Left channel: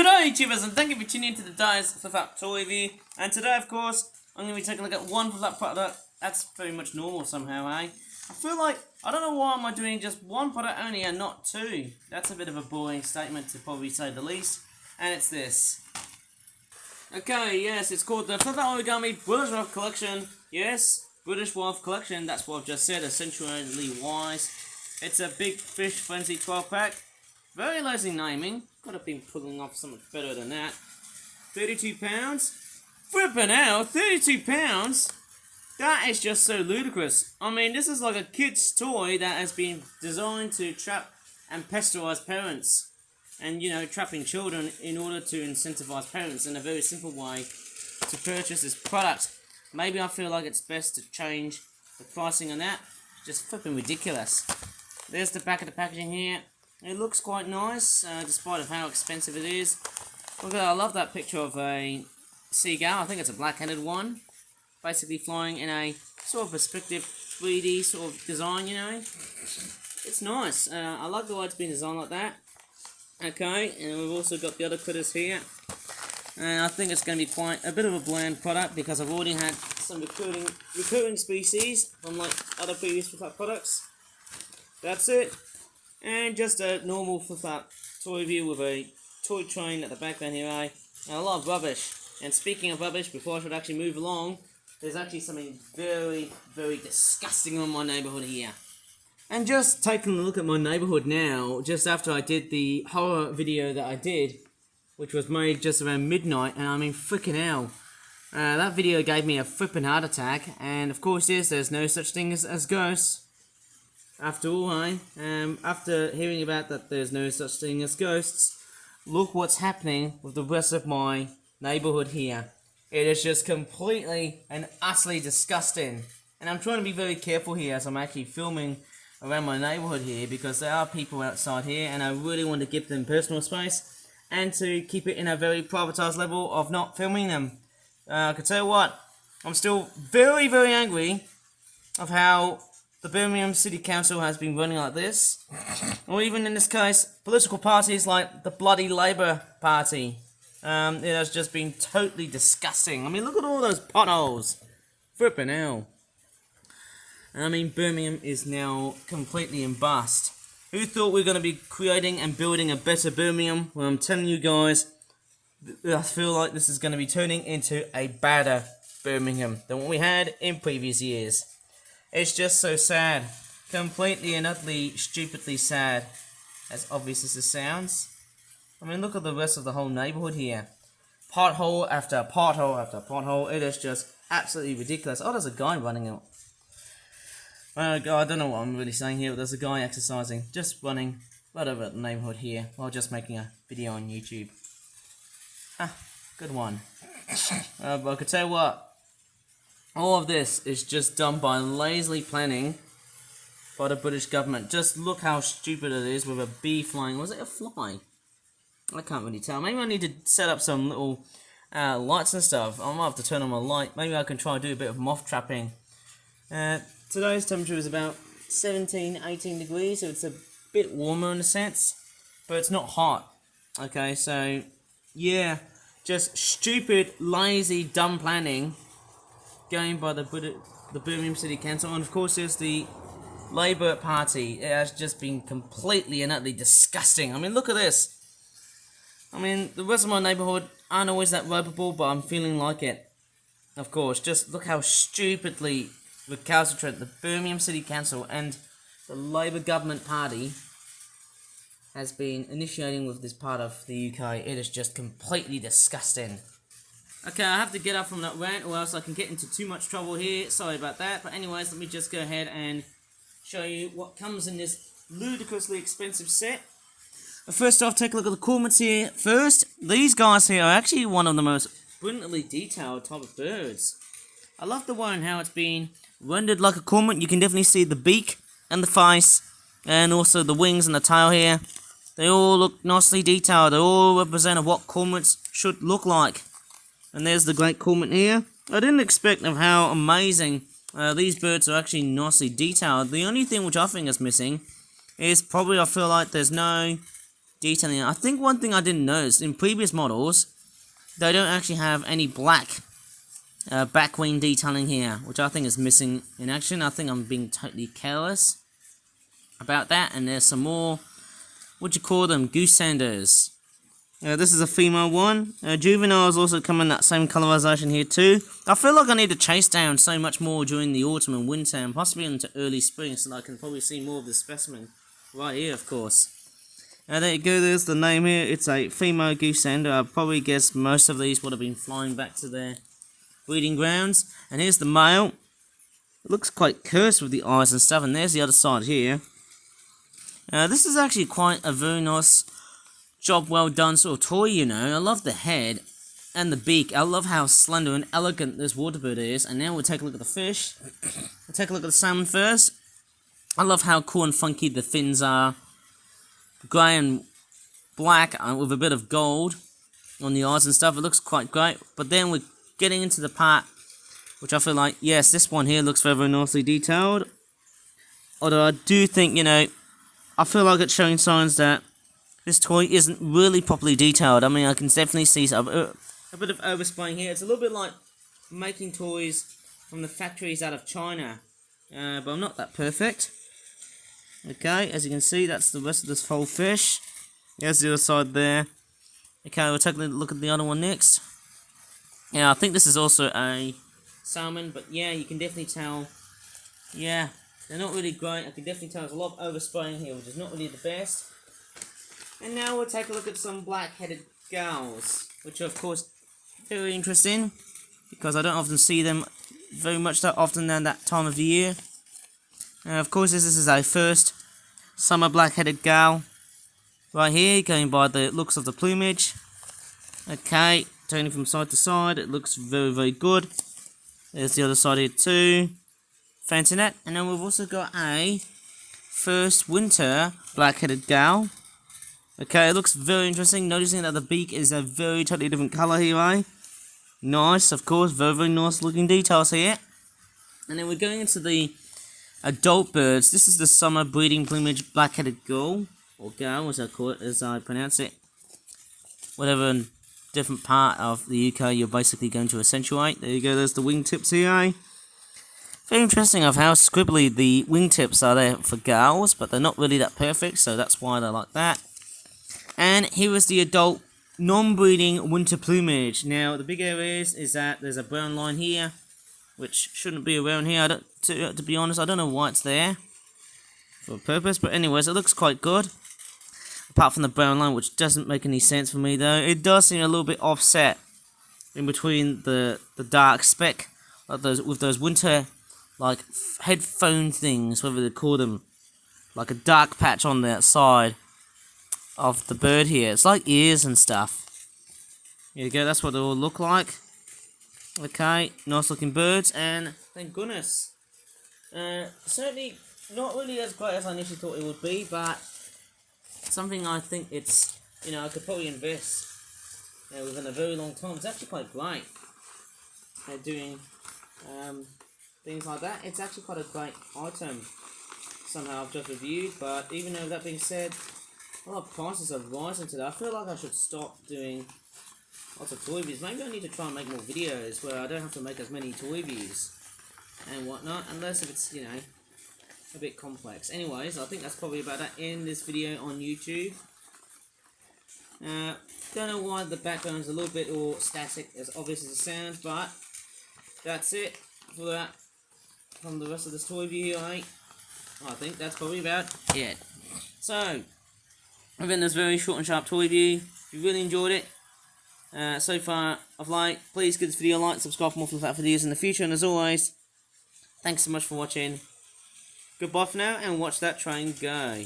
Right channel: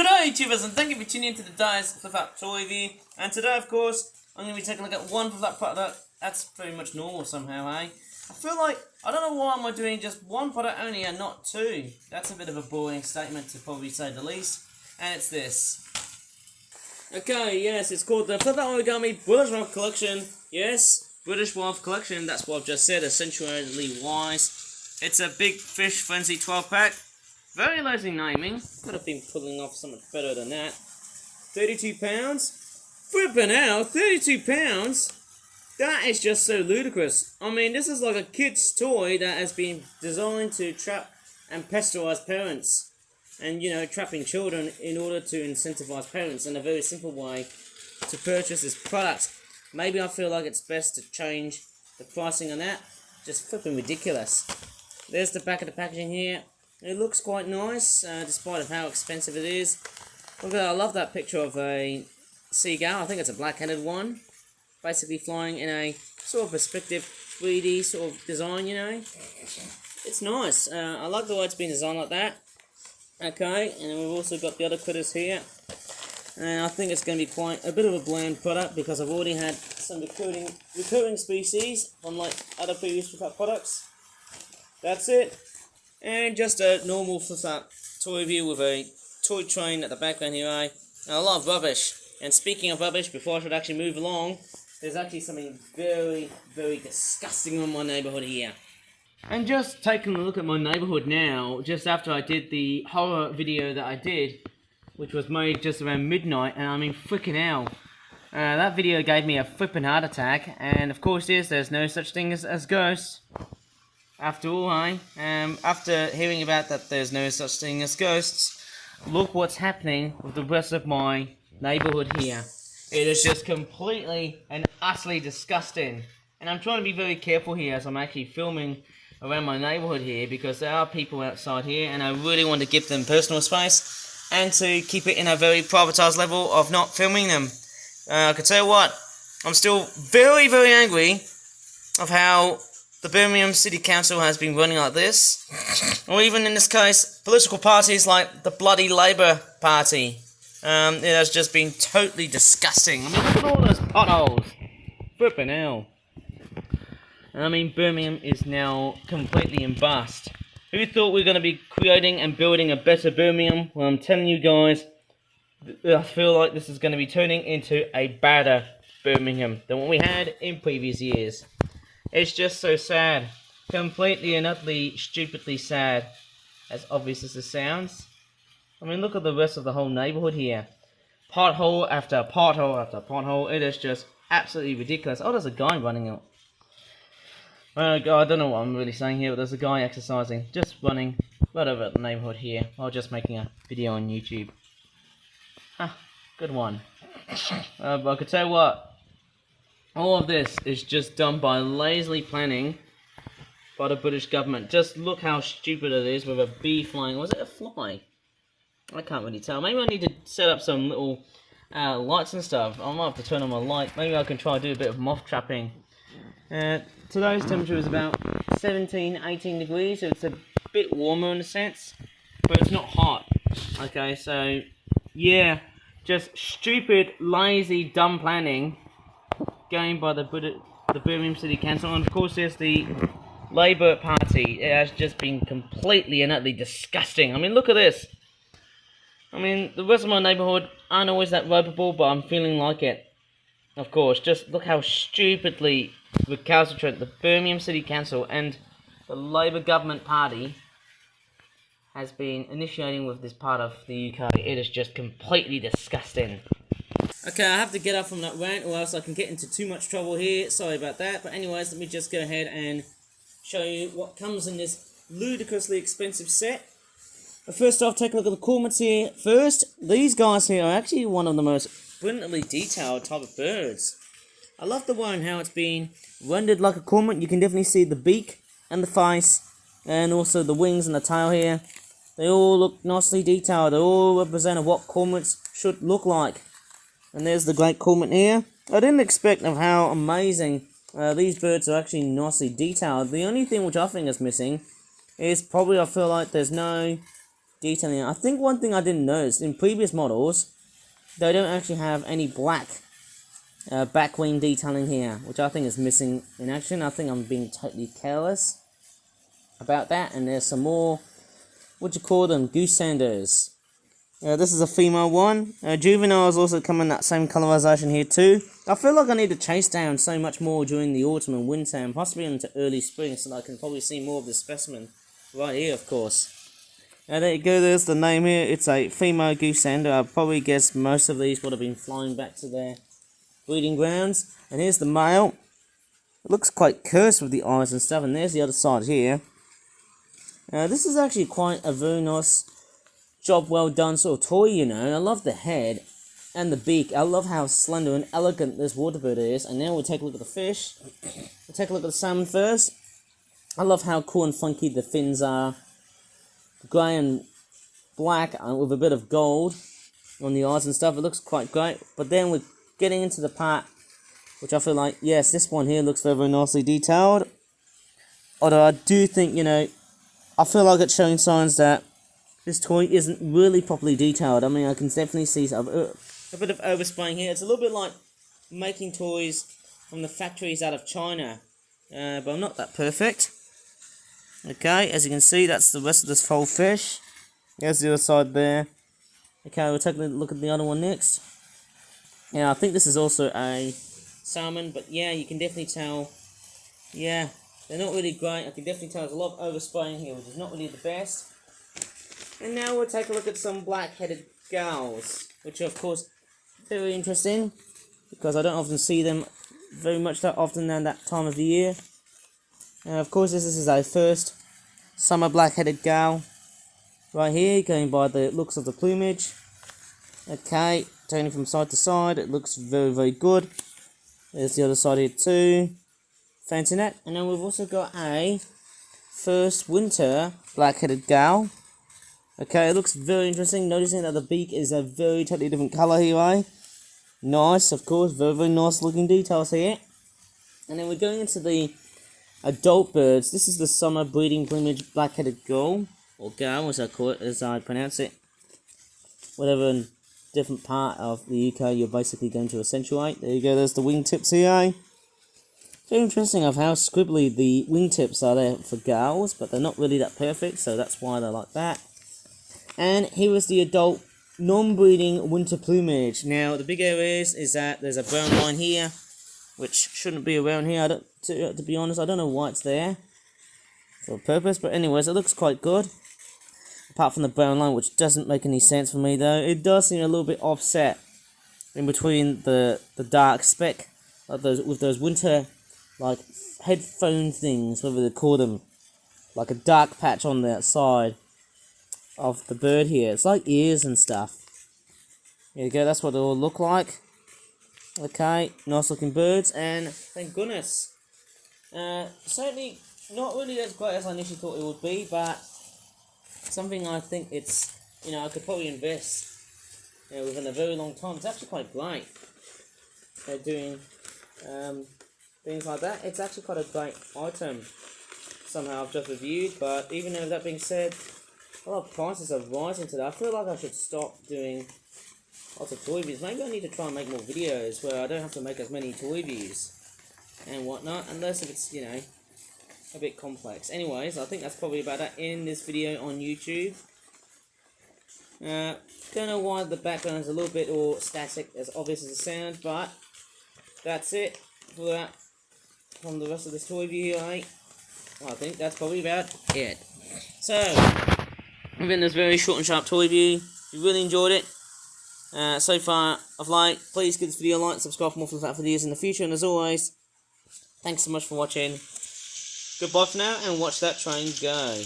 G'day YouTubers, and thank you for tuning into the Dice for That Toy Review. And today, of course, I'm going to be taking a look at one for that product. That's pretty much normal somehow, eh? I feel like, I don't know why am I doing just one product only and not two. That's a bit of a boring statement to probably say the least. And it's this. Okay, yes, it's called the Flip That Origami British Wolf Collection. Yes, British Wolf Collection, that's what I've just said, essentially wise. It's a Big Fish Frenzy 12-pack. Very lazy naming. Could have been pulling off something better than that. £32. Flippin' out, £32? That is just so ludicrous. I mean, this is like a kid's toy that has been designed to trap and pesterise parents. And, you know, trapping children in order to incentivise parents in a very simple way to purchase this product. Maybe I feel like it's best to change the pricing on that. Just flipping ridiculous. There's the back of the packaging here. It looks quite nice, despite of how expensive it is. Look, I love that picture of a seagull. I think it's a black-headed one. Basically flying in a sort of perspective 3D sort of design, you know. It's nice. I like the way it's been designed like that. Okay, and we've also got the other critters here. And I think it's going to be quite a bit of a bland product because I've already had some recurring species from like other previous products. That's it. And just a normal flip-up toy review with a toy train at the background here, and a lot of rubbish. And speaking of rubbish, before I should actually move along, there's actually something very, very disgusting in my neighbourhood here. And just taking a look at my neighbourhood now, just after I did the horror video that I did, which was made just around midnight, and I mean freaking hell. That video gave me a flipping heart attack, and of course there's no such thing as ghosts. After all, after hearing about that there's no such thing as ghosts, look what's happening with the rest of my neighbourhood here. It is just completely and utterly disgusting. And I'm trying to be very careful here as I'm actually filming around my neighbourhood here because there are people outside here and I really want to give them personal space and to keep it in a very privatised level of not filming them. I can tell you what, I'm still very, very angry of how the Birmingham City Council has been running like this, or even in this case, political parties like the bloody Labour Party. It has just been totally disgusting. I mean, look at all those potholes. Flippin' hell. I mean, Birmingham is now completely in bust. Who thought we were going to be creating and building a better Birmingham? Well, I'm telling you guys, I feel like this is going to be turning into a badder Birmingham than what we had in previous years. It's just so sad. Completely and utterly stupidly sad. As obvious as it sounds. I mean, look at the rest of the whole neighbourhood here. Pothole after pothole after pothole. It is just absolutely ridiculous. Oh, there's a guy running out. I don't know what I'm really saying here, but there's a guy exercising. Just running right over the neighbourhood here while just making a video on YouTube. Good one. But I could tell you what. All of this is just done by lazily planning by the British government. Just look how stupid it is with a bee flying. Was it a fly? I can't really tell. Maybe I need to set up some little lights and stuff. I might have to turn on my light. Maybe I can try to do a bit of moth trapping. Today's temperature is about 17, 18 degrees, so it's a bit warmer in a sense, but it's not hot. Okay, so yeah, just stupid, lazy, dumb planning going by the Birmingham City Council, and of course there's the Labour Party. It has just been completely and utterly disgusting. I mean, look at this. I mean, the rest of my neighbourhood aren't always that ropeable, but I'm feeling like it. Of course, just look how stupidly recalcitrant the Birmingham City Council and the Labour Government Party has been initiating with this part of the UK. It is just completely disgusting. Okay, I have to get up from that rant or else I can get into too much trouble here. Sorry about that. But anyways, let me just go ahead and show you what comes in this ludicrously expensive set. But first off, take a look at the cormorants here. First, these guys here are actually one of the most brilliantly detailed type of birds. I love the one how it's been rendered like a cormorant. You can definitely see the beak and the face and also the wings and the tail here. They all look nicely detailed. They all represent what cormorants should look like. And there's the great cormorant here. I didn't expect of how amazing these birds are actually nicely detailed. The only thing which I think is missing is probably I feel like there's no detailing. I think one thing I didn't notice, in previous models, they don't actually have any black back wing detailing here, which I think is missing in action. I think I'm being totally careless about that. And there's some more, what do you call them, goose sanders. This is a female one. Juveniles also come in that same colorization here too. I feel like I need to chase down so much more during the autumn and winter and possibly into early spring so that I can probably see more of the specimen right here, of course. And there you go, there's the name here. It's a female goose sander. I probably guess most of these would have been flying back to their breeding grounds. And here's the male. It looks quite cursed with the eyes and stuff. And there's the other side here. This is actually quite a very nice job, well done sort of toy, you know. I love the head and the beak. I love how slender and elegant this water bird is. And now we'll take a look at the fish. We'll take a look at the salmon first. I love how cool and funky the fins are. Grey and black with a bit of gold on the eyes and stuff. It looks quite great. But then we're getting into the part which I feel like, yes, this one here looks very, very nicely detailed. Although I do think, you know, I feel like it's showing signs that this toy isn't really properly detailed. I mean, I can definitely see a bit of overspraying here. It's a little bit like making toys from the factories out of China. But I'm not that perfect. Okay, as you can see, that's the rest of this whole fish. There's the other side there. Okay, we'll take a look at the other one next. Yeah, I think this is also a salmon, but yeah, you can definitely tell. Yeah, they're not really great. I can definitely tell there's a lot of overspraying here, which is not really the best. And now we'll take a look at some black-headed gulls, which are, of course, very interesting, because I don't often see them very much that often than that time of the year. And of course, this is our first summer black-headed gull right here, going by the looks of the plumage. Okay, turning from side to side, it looks very, very good. There's the other side here too. Fancy that. And then we've also got a first winter black-headed gull. Okay, it looks very interesting, noticing that the beak is a very totally different colour here, eh? Nice, of course, very, very nice looking details here. And then we're going into the adult birds. This is the summer breeding plumage black-headed gull, or gal as I call it, as I pronounce it. Whatever different part of the UK you're basically going to accentuate. There you go, there's the wingtips here, eh? Very interesting of how scribbly the wingtips are there for gulls, but they're not really that perfect, so that's why they're like that. And here is the adult non-breeding winter plumage. Now, the big area is that there's a brown line here, which shouldn't be around here. To be honest, I don't know why it's there for a purpose, but anyways, it looks quite good. Apart from the brown line, which doesn't make any sense for me though. It does seem a little bit offset in between the dark speck, like with those winter like headphone things, whatever they call them, like a dark patch on the side of the bird here. It's like ears and stuff. There you go, that's what they all look like. Okay, nice looking birds, and thank goodness. Certainly not really as great as I initially thought it would be, but something I think it's, you know, I could probably invest within a very long time. It's actually quite great for doing things like that. It's actually quite a great item. Somehow I've just reviewed, but even though that being said, a lot of prices are rising today. I feel like I should stop doing lots of toy reviews. Maybe I need to try and make more videos where I don't have to make as many toy reviews and whatnot, unless if it's, you know, a bit complex. Anyways, I think that's probably about it in this video on YouTube. Don't know why the background is a little bit all static, as obvious as it sounds, but that's it for that from the rest of this toy review here, mate. I think that's probably about it. So, within this very short and sharp toy review, if you really enjoyed it, so far of like, please give this video a like, subscribe for more Flip Flap videos in the future, and as always, thanks so much for watching. Goodbye for now, and watch that train go.